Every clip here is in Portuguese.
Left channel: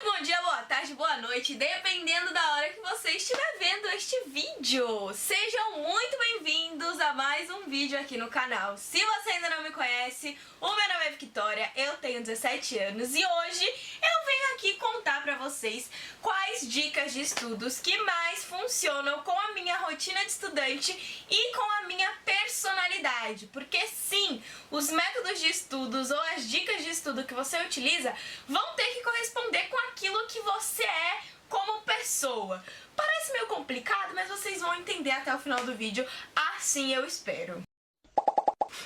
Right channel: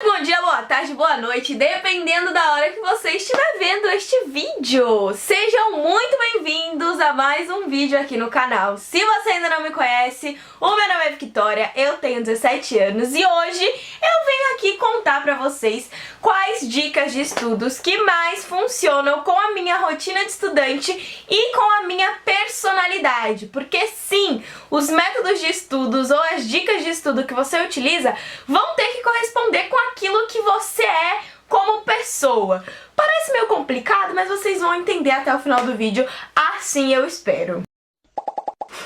Bom dia, boa tarde, boa noite, dependendo da hora que você estiver vendo este vídeo. Sejam muito bem-vindos a mais um vídeo aqui no canal. Se você ainda não me conhece, o meu nome é Victoria, eu tenho 17 anos e hoje eu venho aqui contar pra vocês quais dicas de estudos que mais funcionam com a minha rotina de estudante e com a minha personalidade. Porque sim, os métodos de estudos ou as dicas de estudo que você utiliza vão ter que corresponder com aquilo que você é como pessoa. Parece meio complicado, mas vocês vão entender até o final do vídeo, assim eu espero.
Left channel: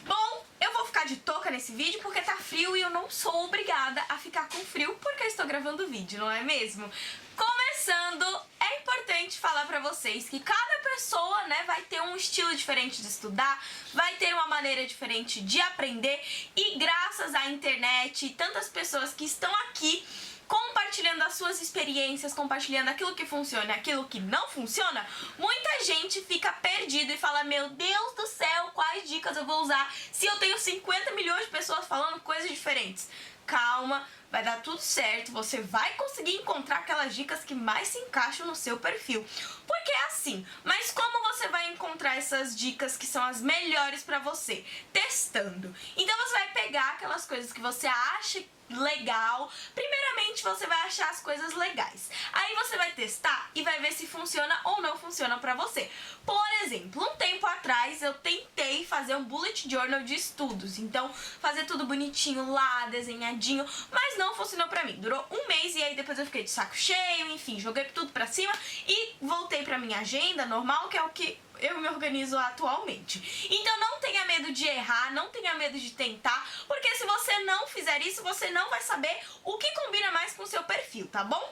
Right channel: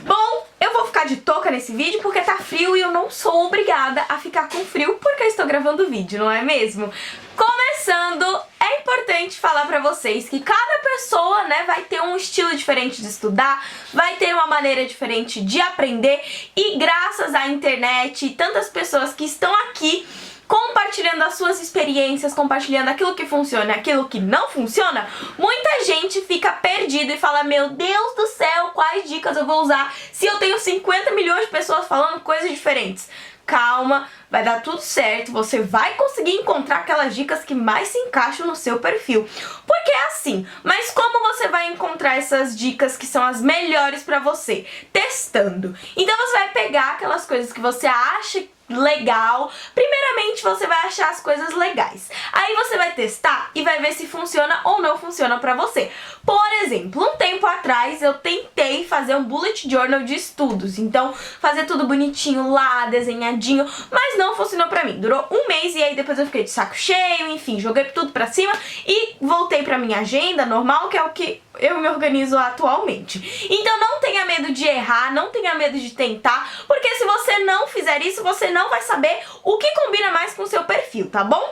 Bom, eu vou ficar de touca nesse vídeo porque tá frio e eu não sou obrigada a ficar com frio porque eu estou gravando o vídeo, não é mesmo? Começando, é importante falar pra vocês que cada pessoa, vai ter um estilo diferente de estudar, vai ter uma maneira diferente de aprender e graças à internet e tantas pessoas que estão aqui compartilhando as suas experiências, compartilhando aquilo que funciona e aquilo que não funciona, muita gente fica perdida e fala: meu Deus do céu, quais dicas eu vou usar se eu tenho 50 milhões de pessoas falando coisas diferentes? Calma, vai dar tudo certo, você vai conseguir encontrar aquelas dicas que mais se encaixam no seu perfil. Porque é assim, mas como você vai encontrar essas dicas que são as melhores pra você? Testando. Então você vai pegar aquelas coisas que você acha legal. Primeiramente você vai achar as coisas legais. Aí você vai testar e vai ver se funciona ou não funciona pra você. Por exemplo, um tempo atrás eu tentei fazer um bullet journal de estudos. Então, fazer tudo bonitinho lá, desenhadinho, mas não funcionou pra mim. Durou um mês e aí depois eu fiquei de saco cheio, enfim, joguei tudo pra cima e voltei pra minha agenda normal, que é o que eu me organizo atualmente. Então não tenha medo de errar, não tenha medo de tentar, porque se você não fizer isso, você não vai saber o que combina mais com o seu perfil, tá bom?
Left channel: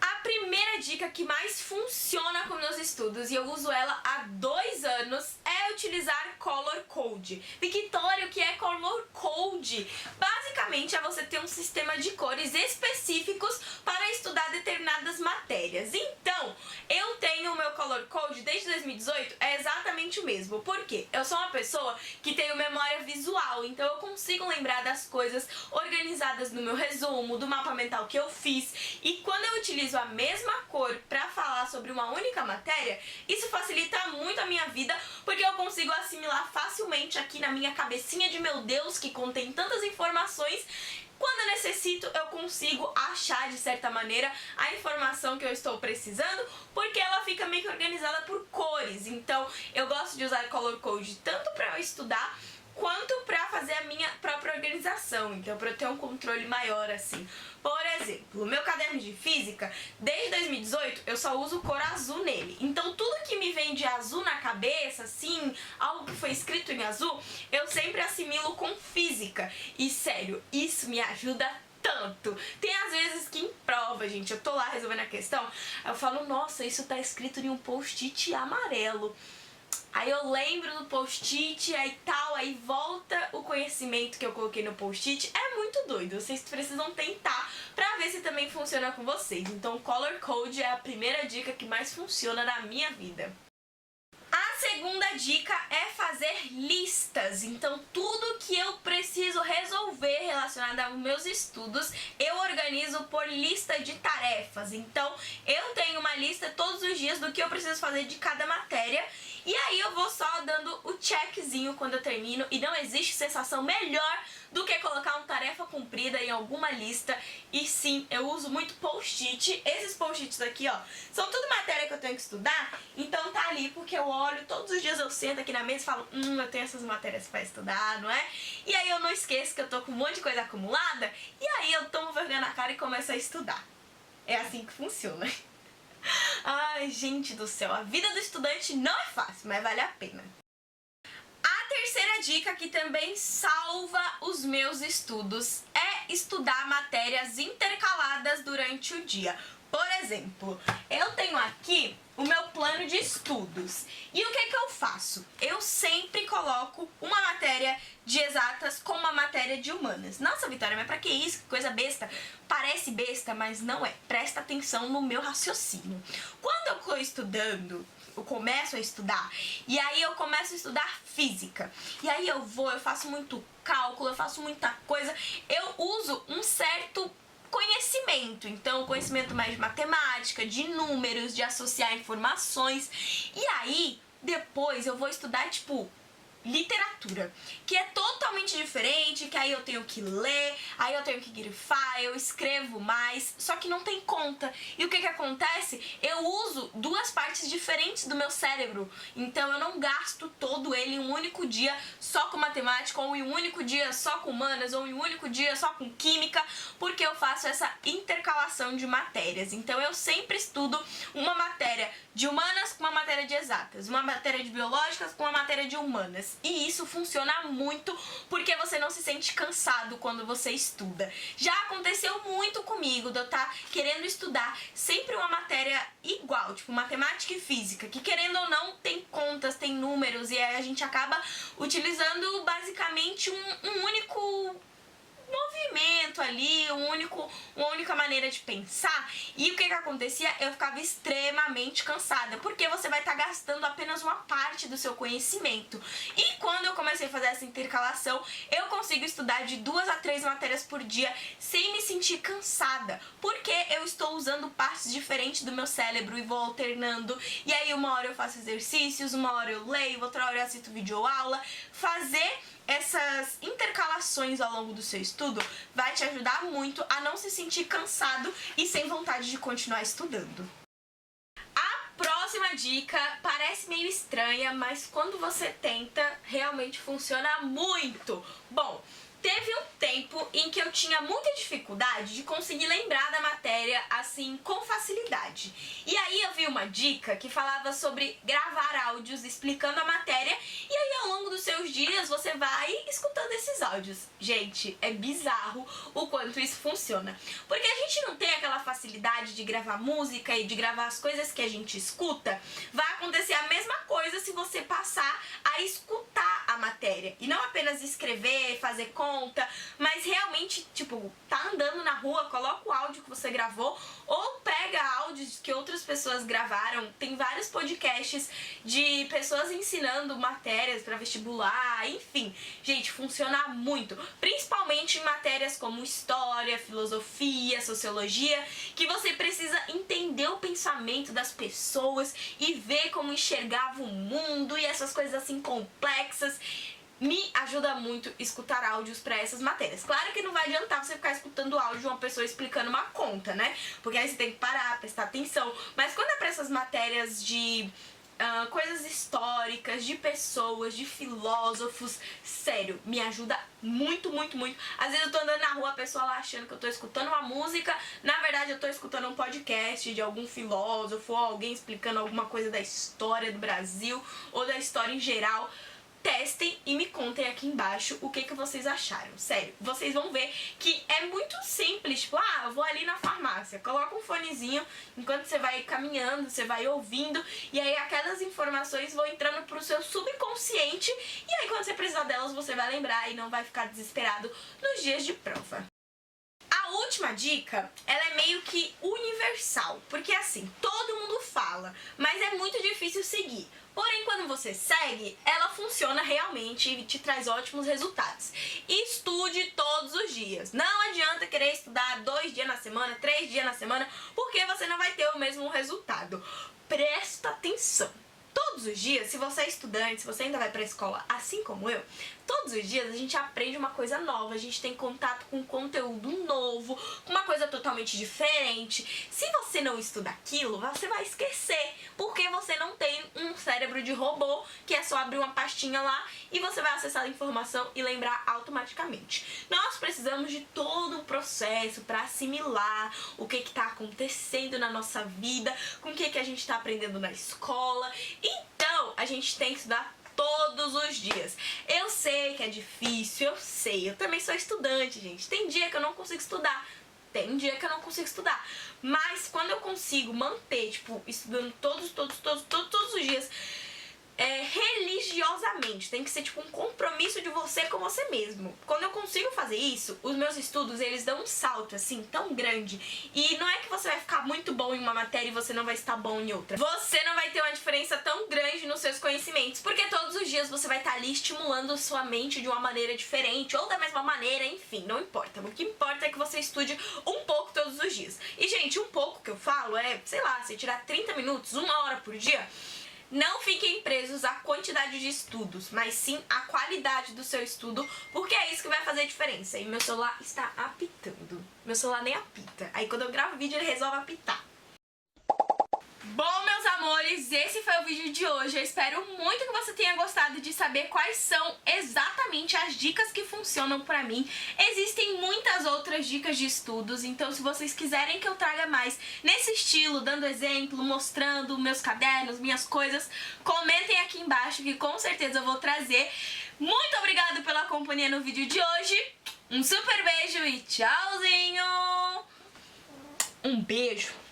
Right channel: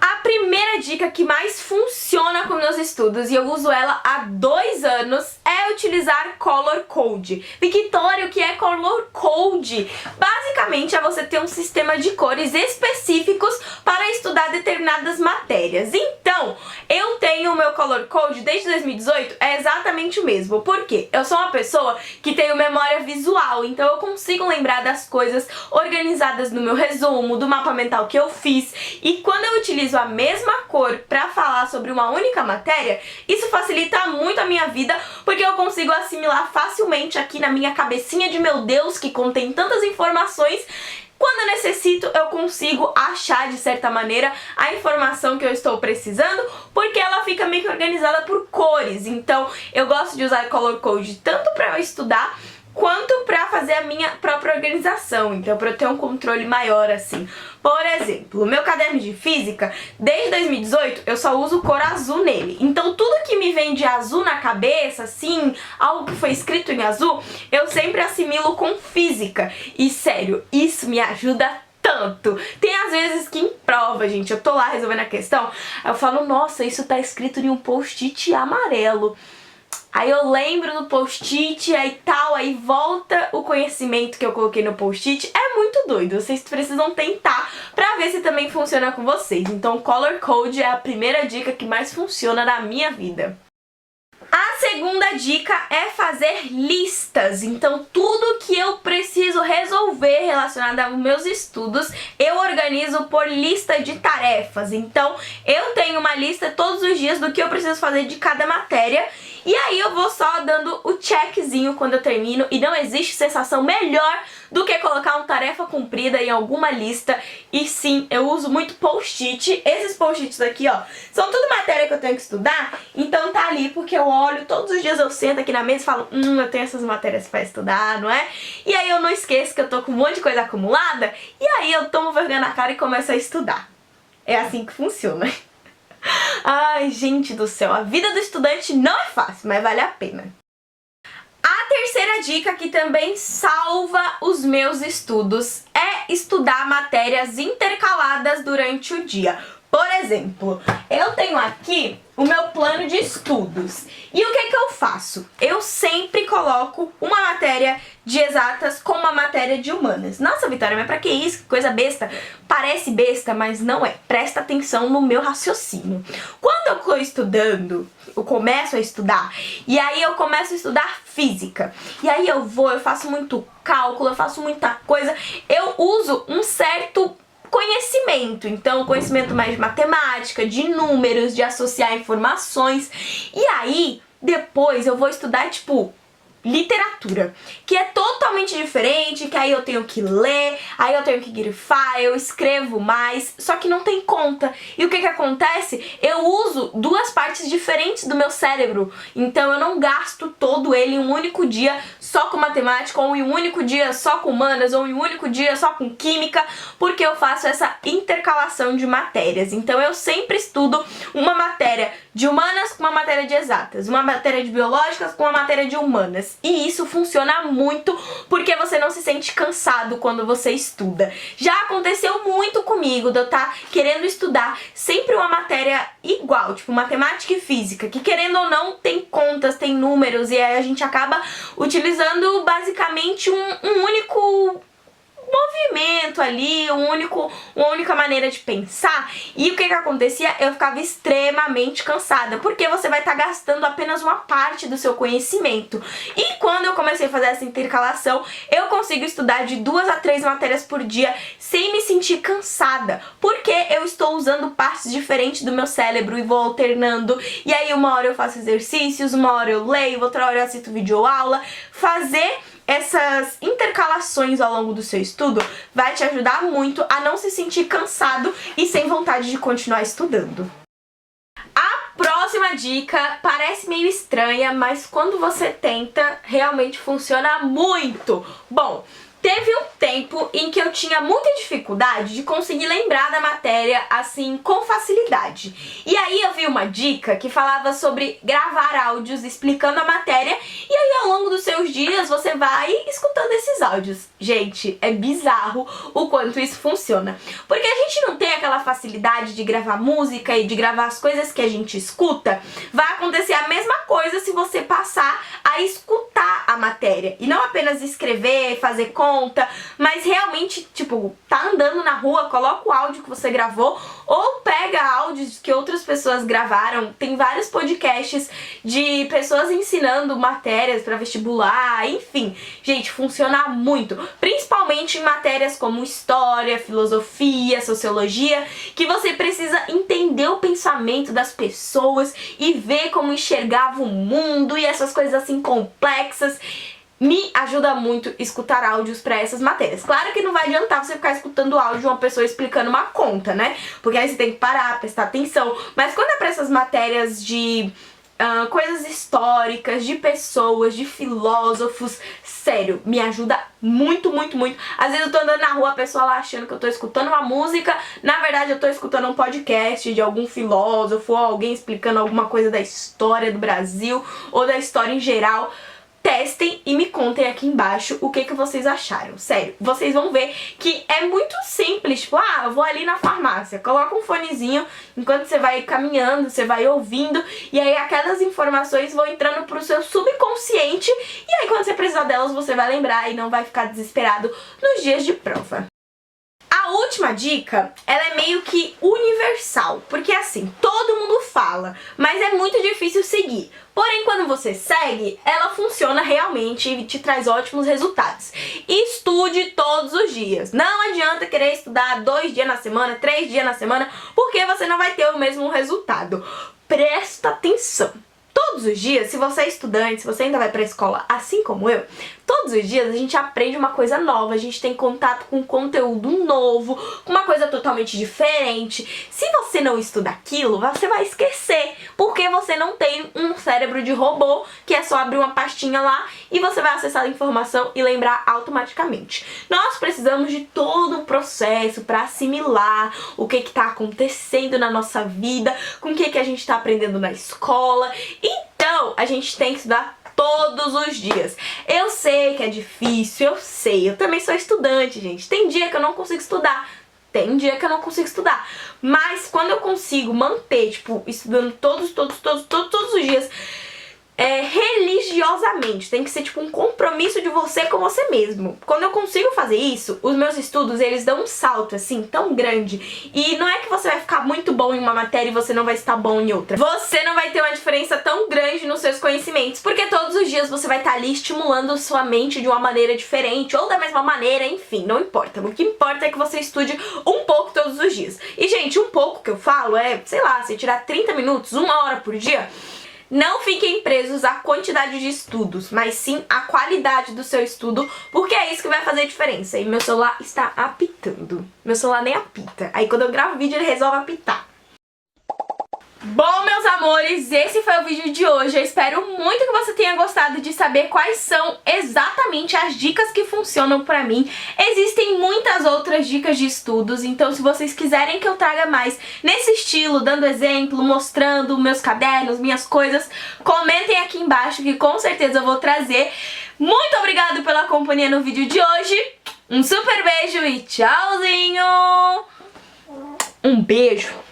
A primeira dica que mais funciona com meus estudos, e eu uso ela há 2 anos, é utilizar Color Code. Victoria, o que é Color Code? Basicamente é você ter um sistema de cores específicos para estudar determinadas matérias. Então, eu tenho o meu Color Code desde 2018, é exatamente o mesmo. Por quê? Eu sou uma pessoa que tenho memória visual, então eu consigo lembrar das coisas organizadas no meu resumo, do mapa mental que eu fiz, e quando eu utilizo a mesma cor para falar sobre uma única matéria, isso facilita muito a minha vida, porque eu consigo assimilar facilmente aqui na minha cabecinha de meu Deus, que contém tantas informações. Quando eu necessito, eu consigo achar, de certa maneira, a informação que eu estou precisando, porque ela fica meio que organizada por cores. Então, eu gosto de usar Color Code tanto para eu estudar, quanto pra fazer a minha própria organização, então pra eu ter um controle maior assim. Por exemplo, o meu caderno de física, desde 2018, eu só uso cor azul nele. Então tudo que me vem de azul na cabeça, assim, algo que foi escrito em azul, eu sempre assimilo com física. E sério, isso me ajuda tanto. Tem às vezes que em prova, gente, eu tô lá resolvendo a questão, aí eu falo: nossa, isso tá escrito em um post-it amarelo. Aí eu lembro do post-it, aí tal, aí volta o conhecimento que eu coloquei no post-it. É muito doido, vocês precisam tentar pra ver se também funciona com vocês. Então Color Code é a primeira dica que mais funciona na minha vida. A segunda dica é fazer listas. Então tudo que eu preciso resolver relacionado aos meus estudos, eu organizo por lista de tarefas. Então eu tenho uma lista todos os dias do que eu preciso fazer de cada matéria, e aí eu vou só dando o checkzinho quando eu termino, e não existe sensação melhor do que colocar uma tarefa cumprida em alguma lista. E sim, eu uso muito post-it. Esses post-its aqui, ó, são tudo matéria que eu tenho que estudar, então tá ali porque eu olho, todos os dias eu sento aqui na mesa e falo: eu tenho essas matérias pra estudar, não é? E aí eu não esqueço que eu tô com um monte de coisa acumulada, e aí eu tomo vergonha na cara e começo a estudar. É assim que funciona. Ai, gente do céu, a vida do estudante não é fácil, mas vale a pena. A terceira dica, que também salva os meus estudos, é estudar matérias intercaladas durante o dia. Por exemplo, eu tenho aqui o meu plano de estudos. E o que eu faço? Eu sempre coloco uma matéria de exatas com uma matéria de humanas. Nossa, Vitória, mas pra que isso? Que coisa besta. Parece besta, mas não é. Presta atenção no meu raciocínio. Quando eu tô estudando, eu começo a estudar, e aí eu começo a estudar física. E aí eu faço muito cálculo, eu faço muita coisa. Eu uso um certo conhecimento. Então, conhecimento mais de matemática, de números, de associar informações. E aí, depois eu vou estudar, tipo, literatura, que é totalmente diferente, que aí eu tenho que ler, aí eu tenho que grifar, eu escrevo mais, só que não tem conta. E o que acontece? Eu uso duas partes diferentes do meu cérebro, então eu não gasto todo ele em um único dia só com matemática, ou em um único dia só com humanas, ou em um único dia só com química, porque eu faço essa intercalação de matérias. Então eu sempre estudo uma matéria de humanas com uma matéria de exatas, uma matéria de biológicas com uma matéria de humanas. E isso funciona muito porque você não se sente cansado quando você estuda. Já aconteceu muito comigo de eu estar querendo estudar sempre uma matéria igual, tipo matemática e física, que querendo ou não tem contas, tem números, e aí a gente acaba utilizando basicamente um único movimento ali, uma única maneira de pensar. E o que acontecia? Eu ficava extremamente cansada, porque você vai estar gastando apenas uma parte do seu conhecimento. E quando eu comecei a fazer essa intercalação, eu consigo estudar de 2 a 3 matérias por dia sem me sentir cansada, porque eu estou usando partes diferentes do meu cérebro e vou alternando. E aí uma hora eu faço exercícios, uma hora eu leio, outra hora eu assisto videoaula. Fazer essas intercalações ao longo do seu estudo vai te ajudar muito a não se sentir cansado e sem vontade de continuar estudando. A próxima dica parece meio estranha, mas quando você tenta, realmente funciona muito. Bom, teve um tempo em que eu tinha muita dificuldade de conseguir lembrar da matéria assim com facilidade. E aí eu vi uma dica que falava sobre gravar áudios explicando a matéria, e aí ao longo dos seus dias você vai escutando esses áudios. Gente, é bizarro o quanto isso funciona. Porque a gente não tem aquela facilidade de gravar música e de gravar as coisas que a gente escuta. Vai acontecer a mesma coisa se você passar a escutar a matéria. E não apenas escrever, fazer conta, mas realmente, tipo, tá andando na rua, coloca o áudio que você gravou ou pega áudios que outras pessoas gravaram. Tem vários podcasts de pessoas ensinando matérias pra vestibular, enfim. Gente, funciona muito, principalmente em matérias como história, filosofia, sociologia, que você precisa entender o pensamento das pessoas e ver como enxergava o mundo e essas coisas assim complexas. Me ajuda muito escutar áudios pra essas matérias. Claro que não vai adiantar você ficar escutando o áudio de uma pessoa explicando uma conta, né? Porque aí você tem que parar, prestar atenção. Mas quando é pra essas matérias de coisas históricas, de pessoas, de filósofos, sério, me ajuda muito, muito, muito. Às vezes eu tô andando na rua, a pessoa lá achando que eu tô escutando uma música, na verdade eu tô escutando um podcast de algum filósofo ou alguém explicando alguma coisa da história do Brasil ou da história em geral. Testem e me contem aqui embaixo o que vocês acharam. Sério, vocês vão ver que é muito simples. Tipo, eu vou ali na farmácia, coloca um fonezinho, enquanto você vai caminhando, você vai ouvindo, e aí aquelas informações vão entrando pro seu subconsciente, e aí quando você precisar delas, você vai lembrar e não vai ficar desesperado nos dias de prova. A última dica, ela é meio que universal, porque assim, todo mundo fala, mas é muito difícil seguir. Porém, quando você segue, ela funciona realmente e te traz ótimos resultados. Estude todos os dias. Não adianta querer estudar 2 dias na semana, 3 dias na semana, porque você não vai ter o mesmo resultado. Presta atenção. Todos os dias, se você é estudante, se você ainda vai pra escola assim como eu, todos os dias a gente aprende uma coisa nova, a gente tem contato com conteúdo novo, com uma coisa totalmente diferente. Se você não estuda aquilo, você vai esquecer, porque você não tem um cérebro de robô que é só abrir uma pastinha lá e você vai acessar a informação e lembrar automaticamente. Nós precisamos de todo um processo para assimilar o que está acontecendo na nossa vida, com o que a gente está aprendendo na escola. Então, a gente tem que estudar todos os dias. Eu sei que é difícil, eu sei. Eu também sou estudante, gente. Tem dia que eu não consigo estudar. Tem dia que eu não consigo estudar. Mas quando eu consigo manter, tipo, estudando todos os dias, religiosamente. Tem que ser tipo um compromisso de você com você mesmo. Quando eu consigo fazer isso, os meus estudos, eles dão um salto assim tão grande. E não é que você vai ficar muito bom em uma matéria e você não vai estar bom em outra. Você não vai ter uma diferença tão grande nos seus conhecimentos, porque todos os dias você vai estar ali estimulando sua mente de uma maneira diferente ou da mesma maneira, enfim, não importa. O que importa é que você estude um pouco todos os dias. E gente, um pouco que eu falo é, sei lá, você tirar 30 minutos, 1 hora por dia. Não fiquem presos à quantidade de estudos, mas sim à qualidade do seu estudo, porque é isso que vai fazer a diferença. E meu celular está apitando. Meu celular nem apita. Aí quando eu gravo vídeo ele resolve apitar. Bom, meus amores, esse foi o vídeo de hoje. Eu espero muito que você tenha gostado de saber quais são exatamente as dicas que funcionam pra mim. Existem muitas outras dicas de estudos, então se vocês quiserem que eu traga mais nesse estilo, dando exemplo, mostrando meus cadernos, minhas coisas, comentem aqui embaixo que com certeza eu vou trazer. Muito obrigada pela companhia no vídeo de hoje. Um super beijo e tchauzinho! Um beijo!